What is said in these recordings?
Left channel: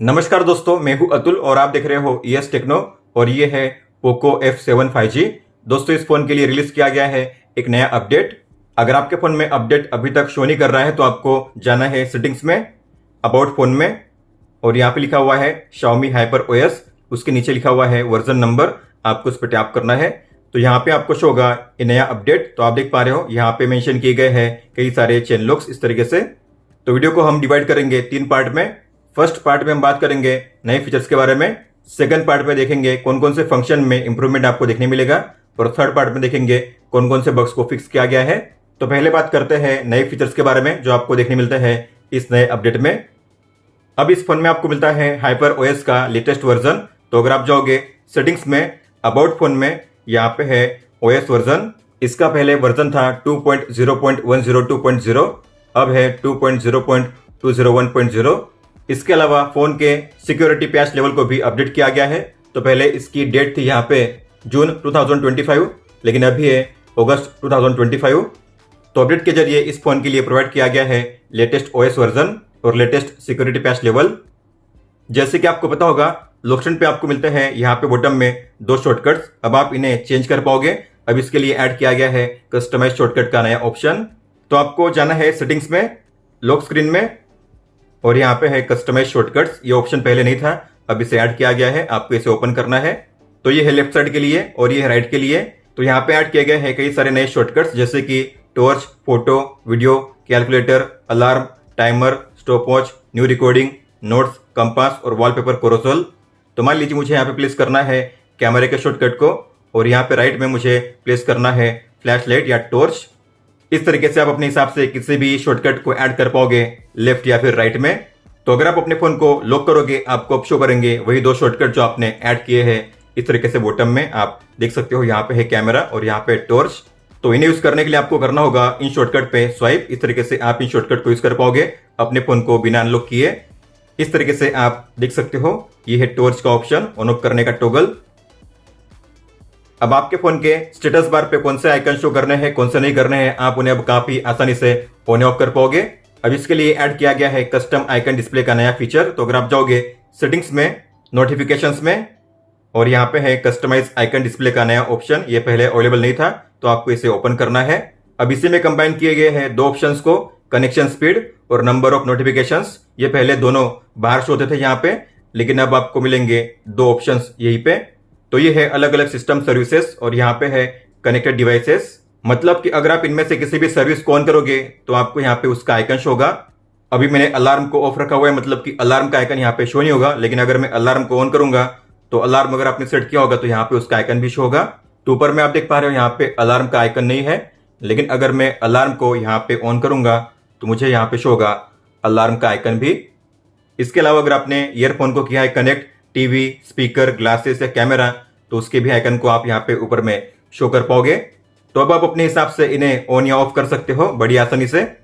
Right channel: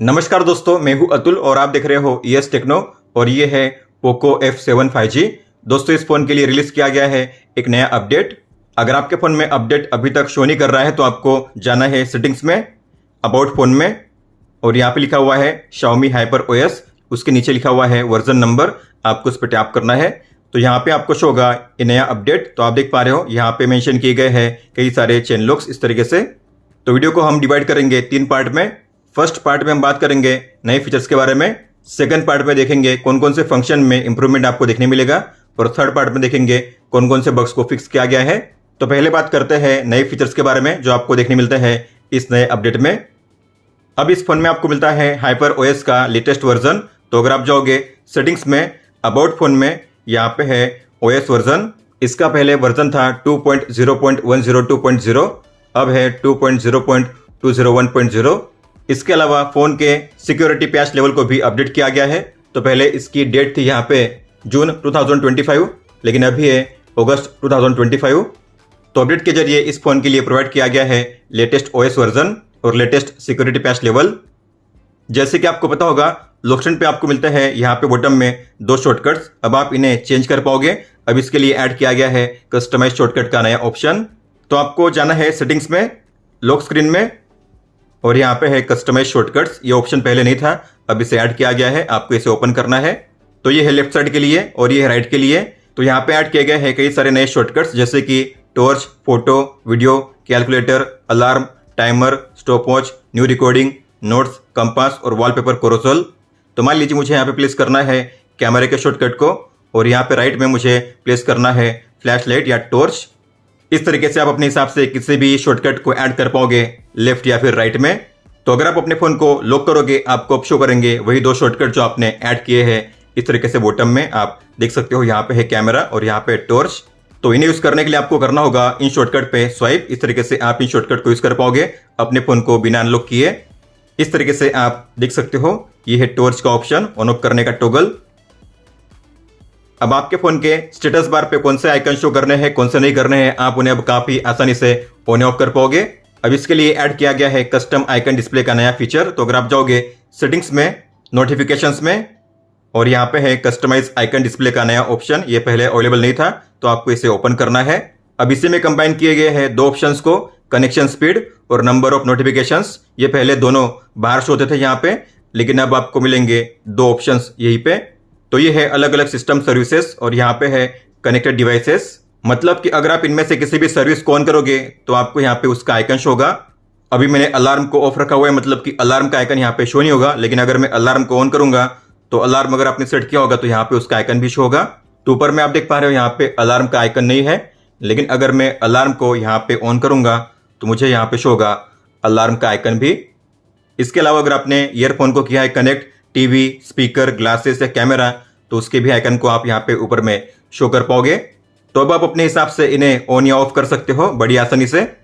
नमस्कार दोस्तों, मैं हूं अतुल और आप देख रहे हो ईएस टेक्नो और ये है पोको F7 5G। दोस्तों, इस फोन के लिए रिलीज किया गया है एक नया अपडेट। अगर आपके फोन में अपडेट अभी तक शो नहीं कर रहा है तो आपको जाना है सेटिंग्स में, अबाउट फोन में, और यहाँ पे लिखा हुआ है Xiaomi HyperOS। उसके नीचे लिखा हुआ है वर्जन नंबर, आपको उस पर टैप करना है तो यहाँ पे आपको शो होगा ये नया अपडेट। तो आप देख पा रहे हो यहाँ पे मेंशन किए गए हैं कई सारे चेन लॉक्स इस तरीके से। तो वीडियो को हम डिवाइड करेंगे 3 पार्ट में। फर्स्ट पार्ट में हम बात करेंगे नए फीचर्स के बारे में, सेकंड पार्ट में देखेंगे कौन कौन से फंक्शन में इंप्रूवमेंट आपको देखने मिलेगा, और थर्ड पार्ट में देखेंगे कौन कौन से बग्स को फिक्स किया गया है। तो पहले बात करते हैं नए फीचर्स के बारे में जो आपको देखने मिलते हैं इस नए अपडेट में। अब इस फोन में आपको मिलता है HyperOS का लेटेस्ट वर्जन। तो अगर आप जाओगे सेटिंग्स में, अबाउट फोन में, यहाँ पे है OS वर्जन। इसका पहले वर्जन था 2.0.102.0, अब है 2.0.201.0। इसके अलावा फोन के सिक्योरिटी पैच लेवल को भी अपडेट किया गया है। तो पहले इसकी डेट थी यहाँ पे जून 2025, लेकिन अभी है अगस्त 2025। तो अपडेट के जरिए इस फोन के लिए प्रोवाइड किया गया है लेटेस्ट OS वर्जन और लेटेस्ट सिक्योरिटी पैच लेवल। जैसे कि आपको पता होगा, लॉक स्क्रीन पे आपको मिलता है यहाँ पे बॉटम में 2 शॉर्टकट्स। अब आप इन्हें चेंज कर पाओगे। अब इसके लिए ऐड किया गया है कस्टमाइज शॉर्टकट का नया ऑप्शन। तो आपको जाना है सेटिंग्स में, लॉक स्क्रीन में, और यहाँ पे है कस्टमाइज शॉर्टकट्स। ये ऑप्शन पहले नहीं था, अब इसे ऐड किया गया है। आपको इसे ओपन करना है। तो ये है लेफ्ट साइड के लिए और ये है राइट के लिए। तो यहाँ पे ऐड किए गए हैं कई सारे नए शॉर्टकट्स, जैसे कि torch, photo, video, calculator, alarm, timer, stop watch, new recording, notes, compass और वॉलपेपर कोरोसल। तो मान लीजिए मुझे यहाँ पे प्लेस करना है कैमरे के शॉर्टकट को, और यहाँ पे राइट में मुझे प्लेस करना है फ्लैश लाइट या टॉर्च। इस तरीके से आप अपने हिसाब से किसी भी शॉर्टकट को ऐड कर पाओगे लेफ्ट या फिर राइट में। तो अगर आप अपने फोन को लॉक करोगे, आपको अब शो करेंगे वही 2 शॉर्टकट जो आपने ऐड किए हैं। इस तरीके से बॉटम में आप देख सकते हो, यहाँ पे है कैमरा और यहाँ पे टॉर्च। तो इन्हें यूज करने के लिए आपको करना होगा इन शॉर्टकट पे स्वाइप। इस तरीके से आप इन शॉर्टकट को यूज कर पाओगे अपने फोन को बिना अनलॉक किए। इस तरीके से आप देख सकते हो, ये है टॉर्च का ऑप्शन, ऑन ऑफ करने का टॉगल। अब आपके फोन के स्टेटस बार पे कौन से आइकन शो करने हैं, कौन से नहीं करने हैं, आप उन्हें अब काफी आसानी से ऑन ऑफ कर पाओगे। अब इसके लिए ऐड किया गया है कस्टम आइकन डिस्प्ले का नया फीचर। तो अगर आप जाओगे सेटिंग्स में, नोटिफिकेशंस में, और यहाँ पे है कस्टमाइज आइकन डिस्प्ले का नया ऑप्शन। ये पहले अवेलेबल नहीं था, तो आपको इसे ओपन करना है। अब इसी में कंबाइन किए गए हैं 2 ऑप्शंस को, कनेक्शन स्पीड और नंबर ऑफ नोटिफिकेशंस। ये पहले दोनों बाहर शो होते थे यहाँ पे, लेकिन अब आपको मिलेंगे 2 ऑप्शंस यहीं पे। तो ये है अलग अलग सिस्टम सर्विसेज और यहाँ पे है कनेक्टेड डिवाइसेस। मतलब कि अगर आप इनमें से किसी भी सर्विस को ऑन करोगे तो आपको यहाँ पे उसका आइकन शो होगा। अभी मैंने अलार्म को ऑफ रखा हुआ है, मतलब कि अलार्म का आइकन यहाँ पे शो नहीं होगा। लेकिन अगर मैं अलार्म को ऑन करूंगा तो अलार्म अगर आपने सेट किया होगा तो यहाँ पे उसका आइकन भी शो होगा। तो ऊपर में आप देख पा रहे हो यहाँ पे अलार्म का आइकन नहीं है, लेकिन अगर मैं अलार्म को यहाँ पे ऑन करूंगा तो मुझे यहाँ पे शो होगा अलार्म का आइकन भी। इसके अलावा अगर आपने ईयरफोन को किया है कनेक्ट टीवी, स्पीकर, ग्लासेस या कैमरा, तो उसके भी आइकन को आप यहाँ पे ऊपर में शो कर पाओगे। तो अब आप अपने हिसाब से इन्हें ऑन या ऑफ कर सकते हो बड़ी आसानी से।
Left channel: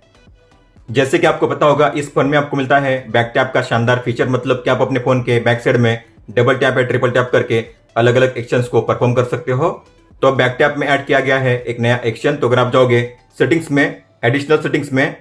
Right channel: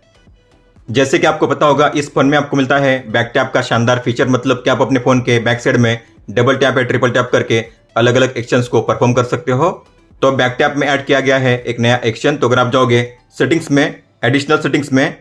जैसे कि आपको पता होगा, इस फोन में आपको मिलता है बैक टैप का शानदार फीचर। मतलब कि आप अपने फोन के बैक साइड में डबल टैप या ट्रिपल टैप करके अलग अलग एक्शंस को परफॉर्म कर सकते हो। तो बैक टैप में ऐड किया गया है एक नया एक्शन। तो अगर आप जाओगे सेटिंग्स में, एडिशनल सेटिंग्स में,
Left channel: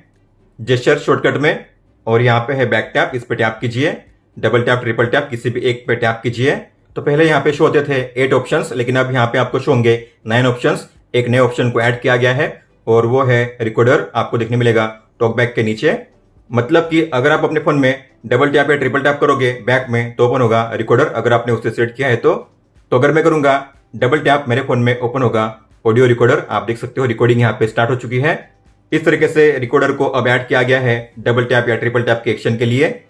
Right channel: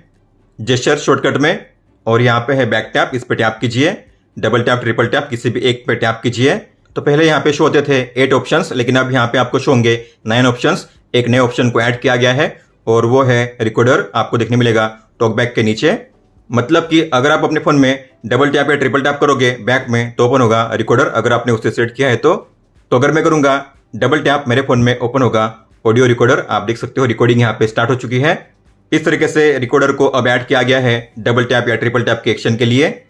जेस्चर शॉर्टकट में, और यहाँ पे है बैक टैप, इस पे टैप कीजिए। डबल टैप, ट्रिपल टैप, किसी भी एक पे टैप कीजिए। तो पहले यहाँ पे शो होते थे 8 ऑप्शंस, लेकिन अब यहाँ पे आपको शो होंगे 9 ऑप्शंस। एक नए ऑप्शन को ऐड किया गया है और वो है रिकॉर्डर। आपको देखने मिलेगा टॉकबैक के नीचे। मतलब कि अगर आप अपने फोन में डबल टैप या ट्रिपल टैप करोगे बैक में तो ओपन होगा रिकॉर्डर, अगर आपने उसे सेट किया है तो अगर मैं करूंगा डबल टैप, मेरे फोन में ओपन होगा ऑडियो रिकॉर्डर। आप देख सकते हो रिकॉर्डिंग यहाँ पे स्टार्ट हो चुकी है। इस तरीके से रिकॉर्डर को अब ऐड किया गया है डबल टैप या ट्रिपल टैप के एक्शन के लिए।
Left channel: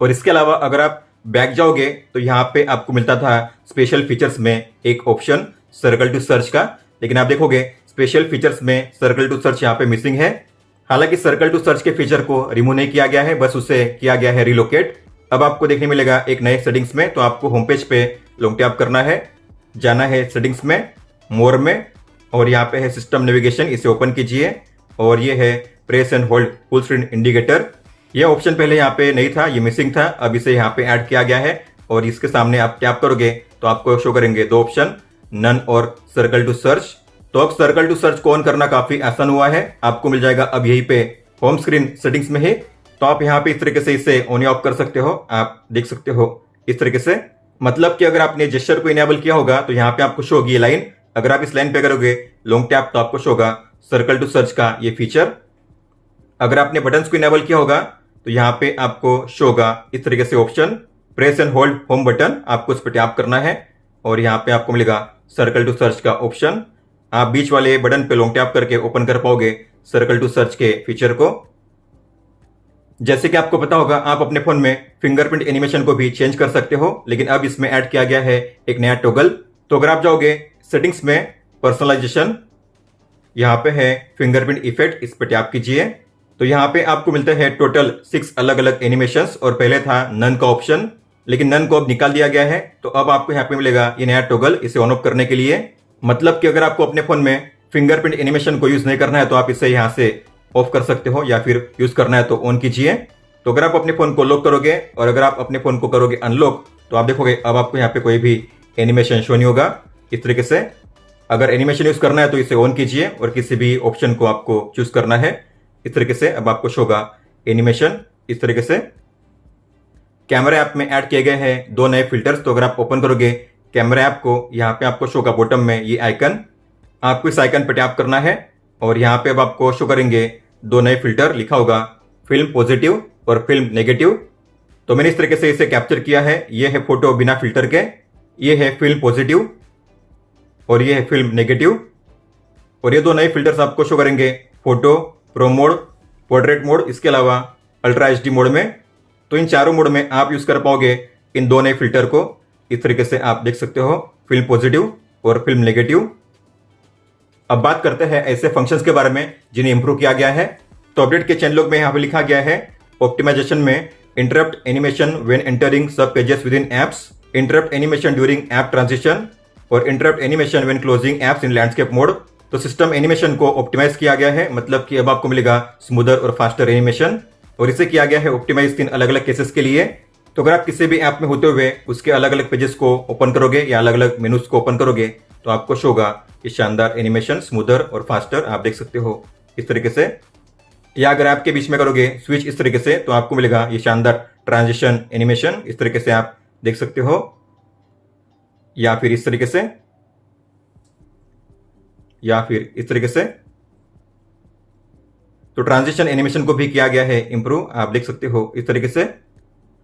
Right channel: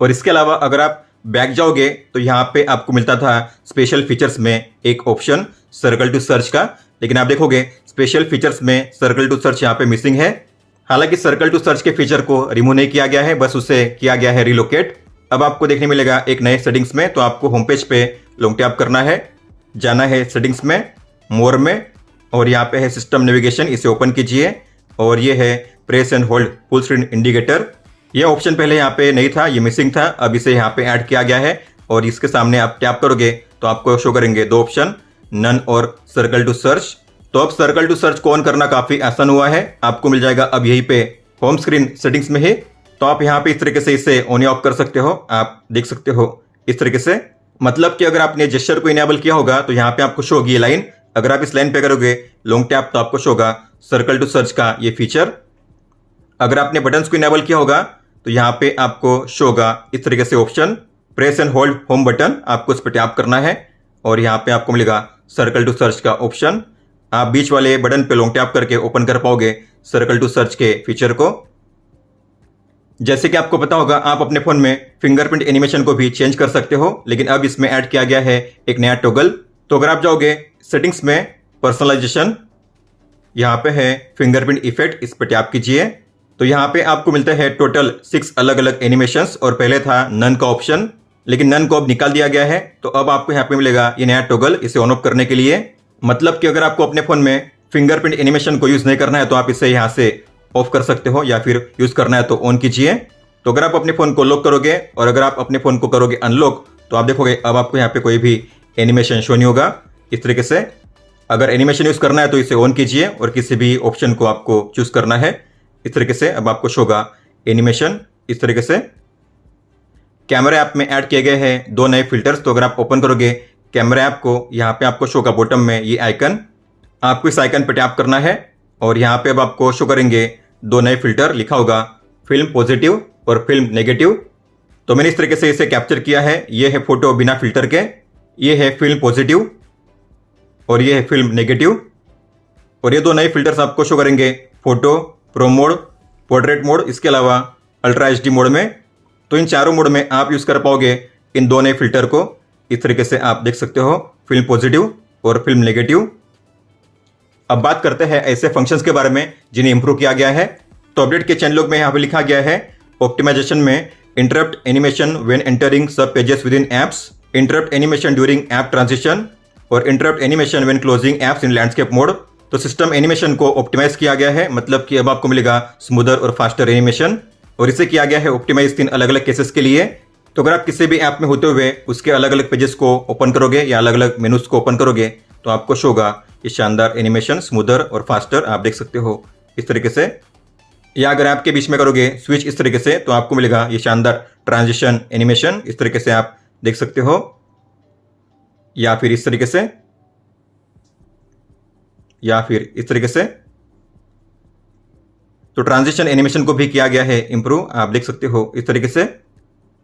और इसके अलावा अगर आप बैक जाओगे तो यहाँ पे आपको मिलता था स्पेशल फीचर्स में एक ऑप्शन सर्कल टू सर्च का, लेकिन आप देखोगे स्पेशल फीचर्स में सर्कल टू सर्च यहाँ पे मिसिंग है। हालांकि सर्कल टू सर्च के फीचर को रिमूव नहीं किया गया है, बस उसे किया गया है रिलोकेट। अब आपको देखने मिलेगा एक नए सेटिंग्स में। तो आपको होम पेज पे लॉन्ग टैप करना है, जाना है सेटिंग्स में, मोर में, और यहाँ पे है सिस्टम नेविगेशन, इसे ओपन कीजिए। और ये है press and hold full screen indicator. यह ऑप्शन पहले यहाँ पे नहीं था, ये मिसिंग था, अब इसे यहाँ पे ऐड किया गया है। और इसके सामने आप टैप करोगे तो आपको शो करेंगे 2 ऑप्शन, नन और सर्कल टू सर्च। तो अब सर्कल टू सर्च को ऑन करना काफी आसान हुआ है। आपको मिल जाएगा अब यहीं पे होम स्क्रीन सेटिंग्स में ही तो आप यहाँ पे इस तरीके से इसे ऑन या ऑफ कर सकते हो। आप देख सकते हो इस तरीके से, मतलब कि अगर आपने जेस्चर को इनेबल किया होगा तो यहाँ पे आपको शो होगी ये लाइन। अगर आप इस लाइन पे करोगे लॉन्ग टैप तो आपको शो होगा सर्कल टू सर्च का ये फीचर। अगर आपने बटन्स को इनेबल किया होगा तो यहाँ पे आपको शो होगा इस तरीके से option, press and hold home button, आपको इस पर टैप करना है और यहाँ पे आपको मिलेगा सर्कल टू सर्च का ऑप्शन। आप बीच वाले बटन पे लॉन्ग टैप करके ओपन कर पाओगे सर्कल टू सर्च के फीचर को। जैसे कि आपको पता होगा आप अपने फोन में फिंगरप्रिंट एनिमेशन को भी चेंज कर सकते हो, लेकिन अब इसमें ऐड किया गया है एक नया टॉगल। तो अगर आप जाओगे सेटिंग्स में, पर्सनलाइजेशन, यहाँ पे है फिंगरप्रिंट इफेक्ट, इस पर टैप कीजिए तो यहाँ पे आपको मिलता है टोटल 6 अलग अलग एनिमेशंस और पहले था नन का ऑप्शन, लेकिन नन को अब निकाल दिया गया है। तो अब आपको यहाँ पे मिलेगा ये नया टॉगल, इसे ऑन ऑफ करने के लिए। मतलब कि अगर आपको अपने फोन में फिंगरप्रिंट एनिमेशन को यूज नहीं करना है तो आप इसे यहाँ से ऑफ कर सकते हो, या फिर यूज करना है तो ऑन कीजिए। तो अगर आप अपने फोन को लॉक करोगे और अगर आप अपने फोन को करोगे अनलॉक तो आप देखोगे अब आपको यहाँ पे कोई भी एनिमेशन शो नहीं होगा इस तरीके से। अगर एनिमेशन यूज करना है तो इसे ऑन कीजिए और किसी भी ऑप्शन को आपको चूज करना है इस तरीके से। अब आपको शो होगा एनिमेशन इस तरीके से। कैमरा ऐप में ऐड किए गए हैं 2 नए फिल्टर्स। तो अगर आप ओपन करोगे कैमरा ऐप को, यहाँ पे आपको शो होगा बॉटम में ये आइकन, आपको इस आइकन पर टैप करना है और यहाँ पे अब आपको शो करेंगे 2 नए फिल्टर, लिखा होगा फिल्म पॉजिटिव और फिल्म नेगेटिव। तो मैंने इस तरीके से इसे कैप्चर किया है। ये है फोटो बिना फिल्टर के, ये है फिल्म पॉजिटिव और ये है फिल्म नेगेटिव। और ये 2 नए फिल्टर्स आपको शो करेंगे photo pro mode, portrait mode, इसके अलावा अल्ट्रा एचडी मोड में। तो इन चारों मोड में आप यूज कर पाओगे इन 2 नए फिल्टर को। इस तरीके से आप देख सकते हो फिल्म पॉजिटिव और फिल्म नेगेटिव। अब बात करते हैं ऐसे फंक्शंस के बारे में जिन्हें इंप्रूव किया गया है। तो अपडेट के चैनल लॉग में यहाँ पे लिखा गया है ऑप्टिमाइजेशन में interrupt animation when entering sub pages within apps, interrupt animation during app transition और interrupt animation when closing apps in landscape mode. तो सिस्टम एनिमेशन को ऑप्टिमाइज किया गया है, मतलब कि अब आपको मिलेगा स्मूदर और फास्टर एनिमेशन, और इसे किया गया है ऑप्टिमाइज 3 अलग अलग केसेस के लिए। तो अगर आप किसी भी ऐप में होते हुए उसके अलग अलग पेजेस को ओपन करोगे या अलग अलग मेनूज को ओपन करोगे तो आपको शो होगा ये शानदार एनिमेशन, स्मूदर और फास्टर, आप देख सकते हो इस तरीके से। या अगर ऐप के बीच में करोगे स्विच इस तरीके से तो आपको मिलेगा ये शानदार ट्रांजिशन एनिमेशन, इस तरीके से आप देख सकते हो, या फिर इस तरीके से, या फिर इस तरीके से। तो ट्रांजिशन एनिमेशन को भी किया गया है इंप्रूव, आप देख सकते हो इस तरीके से।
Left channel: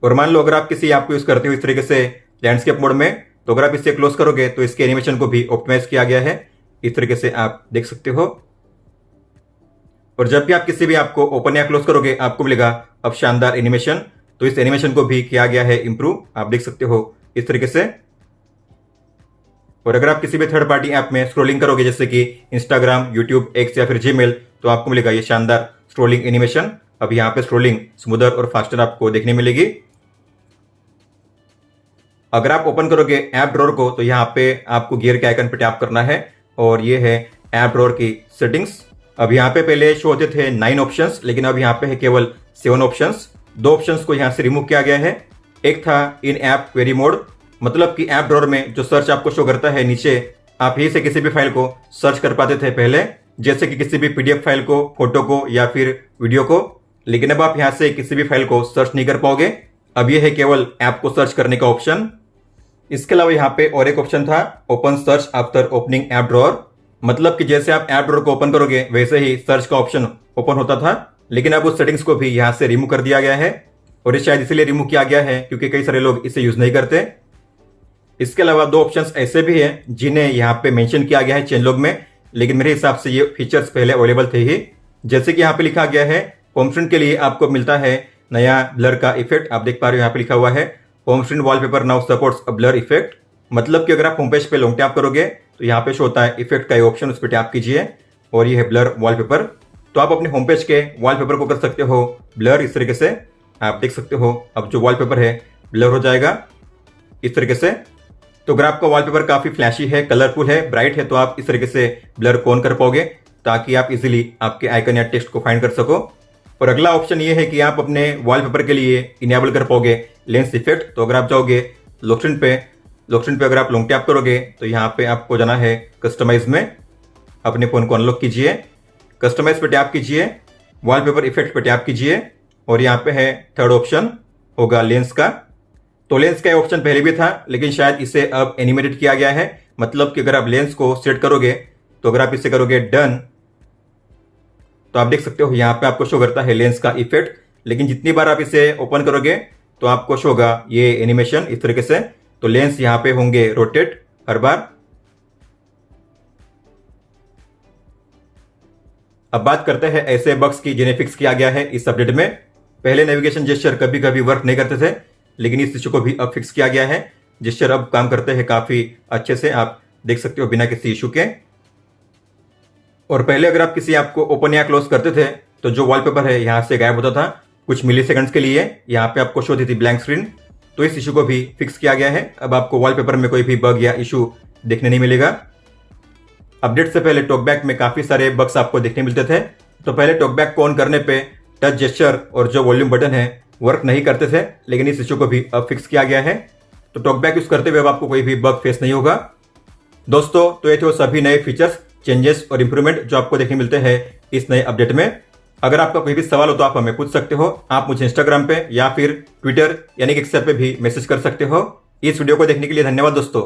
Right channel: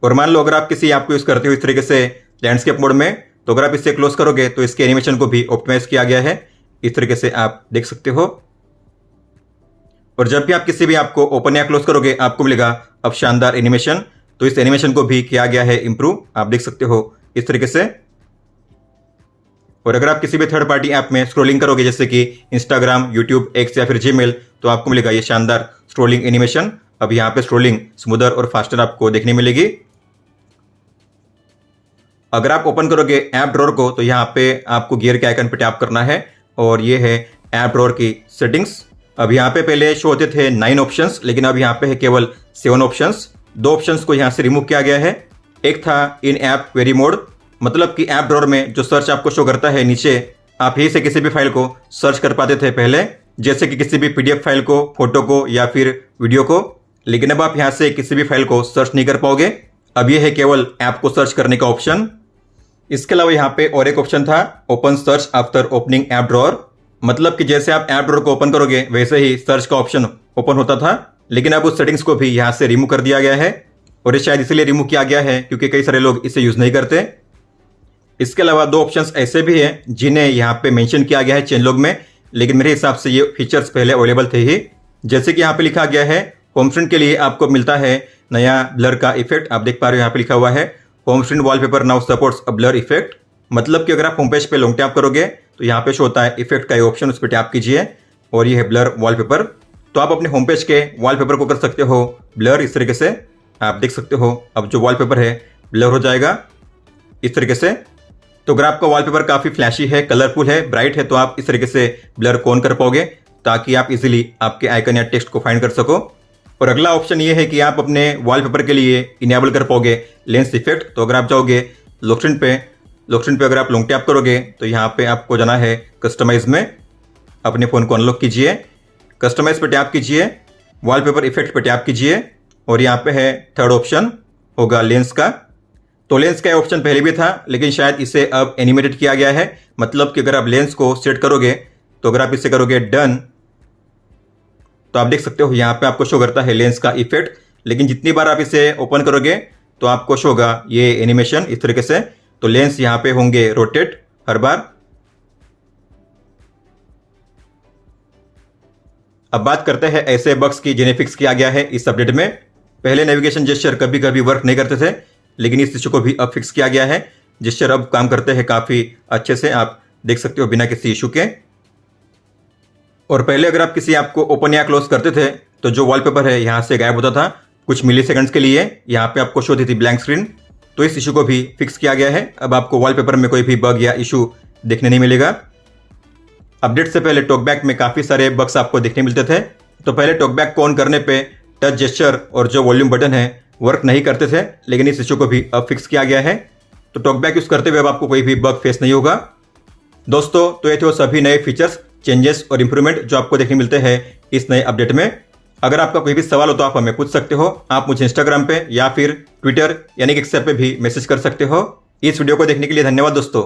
और मान लो अगर आप किसी ऐप को यूज करते हो इस तरीके से लैंडस्केप मोड में, तो अगर आप इसे क्लोज करोगे तो इसके एनिमेशन को भी ऑप्टिमाइज किया गया है, इस तरीके से आप देख सकते हो। और जब भी आप किसी भी ऐप को ओपन या क्लोज करोगे आपको मिलेगा अब शानदार एनिमेशन। तो इस एनिमेशन को भी किया गया है इंप्रूव, आप देख सकते हो इस तरीके से। और अगर आप किसी भी थर्ड पार्टी ऐप में स्क्रॉलिंग करोगे जैसे कि इंस्टाग्राम, यूट्यूब, एक्स या फिर जीमेल, तो आपको मिलेगा ये शानदार स्क्रॉलिंग एनिमेशन। अब यहाँ पे स्क्रॉलिंग स्मूदर और फास्टर आपको देखने मिलेगी। अगर आप ओपन करोगे ऐप ड्रॉअर को तो यहाँ पे आपको गियर के आइकन पे टैप करना है और ये है ऐप ड्रॉअर की सेटिंग्स। अब यहाँ पे पहले शो होते थे 9 ऑप्शंस, लेकिन अब यहाँ पे है केवल 7 ऑप्शंस। 2 ऑप्शंस को यहाँ से रिमूव किया गया है। एक था इन ऐप क्वेरी मोड, मतलब कि ऐप ड्रॉअर में जो सर्च आपको शो करता है नीचे, आप यहीं से किसी भी फाइल को सर्च कर पाते थे पहले, जैसे कि किसी भी पीडीएफ फाइल को, फोटो को या फिर वीडियो को। लेकिन अब आप यहाँ से किसी भी फाइल को सर्च नहीं कर पाओगे। अब ये है केवल ऐप को सर्च करने का ऑप्शन। इसके अलावा यहाँ पे और एक ऑप्शन था open search after opening app drawer, मतलब कि जैसे आप ऐप ड्रॉअर को ओपन करोगे वैसे ही सर्च का ऑप्शन ओपन होता था, लेकिन अब उस सेटिंग्स को भी यहाँ से रिमूव कर दिया गया है। और ये शायद इसलिए रिमूव किया गया है क्योंकि कई सारे लोग इसे यूज नहीं करते। इसके अलावा 2 ऑप्शंस ऐसे भी हैं जिन्हें यहाँ पे मेंशन किया गया है चेन लॉग में, लेकिन मेरे हिसाब से ये फीचर्स पहले अवेलेबल थे ही। जैसे कि यहाँ पे लिखा गया है होम स्क्रीन के लिए आपको मिलता है नया ब्लर का इफेक्ट, आप देख पा रहे हो यहाँ पे लिखा हुआ है home screen wallpaper now supports अ ब्लर इफेक्ट। मतलब कि अगर आप होम पेज पे लॉन्ग टैप करोगे तो यहाँ पे शो होता है इफेक्ट का ये ऑप्शन, उस पर टैप कीजिए और ये है ब्लर वॉलपेपर। तो आप अपने होम पेज के वॉलपेपर को कर सकते हो ब्लर इस तरीके से, आप देख सकते हो अब जो वॉलपेपर है ब्लर हो जाएगा इस तरीके से। तो अगर आपका वॉलपेपर काफ़ी फ्लैशी है, कलरफुल है, ब्राइट है, तो आप इस तरीके से ब्लर को ऑन कर पाओगे ताकि आप इजीली आपके आइकन या टेक्स्ट को फाइंड कर सको। और अगला ऑप्शन ये है कि आप अपने वॉलपेपर के लिए इनेबल कर पाओगे लेंस इफेक्ट। तो अगर आप जाओगे लॉक स्क्रीन पे अगर आप लॉन्ग टैप करोगे तो यहाँ पे आपको जाना है कस्टमाइज में, अपने फ़ोन को अनलॉक कीजिए, कस्टमाइज पे टैप कीजिए, वॉलपेपर इफेक्ट पे टैप कीजिए और यहाँ पे है थर्ड ऑप्शन होगा लेंस का। तो लेंस का ऑप्शन पहले भी था, लेकिन शायद इसे अब एनिमेटेड किया गया है। मतलब कि अगर आप लेंस को सेट करोगे तो अगर आप इसे करोगे डन, तो आप देख सकते हो यहाँ पे आपको शो करता है लेंस का इफेक्ट। लेकिन जितनी बार आप इसे ओपन करोगे तो आपको शो होगा ये एनिमेशन इस तरीके से। तो लेंस यहाँ पे होंगे रोटेट हर बार। अब बात करते हैं ऐसे बग्स की जिन्हें फिक्स किया गया है इस अपडेट में। पहले नेविगेशन जेस्चर कभी कभी वर्क नहीं करते थे, लेकिन इस इशू को भी अब फिक्स किया गया है। जेस्चर अब काम करते हैं काफी अच्छे से, आप देख सकते हो बिना किसी इशू के। और पहले अगर आप किसी ऐप को ओपन या क्लोज करते थे तो जो वॉलपेपर है यहाँ से गायब होता था कुछ मिली सेकंड्स के लिए। यहाँ पे आपको शो होती थी ब्लैंक स्क्रीन। तो इस इशू को भी फिक्स किया गया है। अब आपको वॉलपेपर में कोई भी बग या इशू देखने नहीं मिलेगा। अपडेट से पहले टॉकबैक में काफी सारे बग्स आपको देखने मिलते थे। तो पहले टॉकबैक को ऑन करने पे टच जेस्चर और जो वॉल्यूम बटन है वर्क नहीं करते थे, लेकिन इस इशू को भी अब फिक्स किया गया है। तो टॉकबैक यूज करते हुए अब आपको कोई भी बग फेस नहीं होगा। दोस्तों, तो ये थे वो सभी नए फीचर्स, चेंजेस और इंप्रूवमेंट जो आपको देखने मिलते हैं इस नए अपडेट में। अगर आपका कोई भी सवाल हो तो आप हमें पूछ सकते हो। आप मुझे इंस्टाग्राम पे या फिर ट्विटर यानी कि एक्स पे भी मैसेज कर सकते हो। इस वीडियो को देखने के लिए धन्यवाद दोस्तों।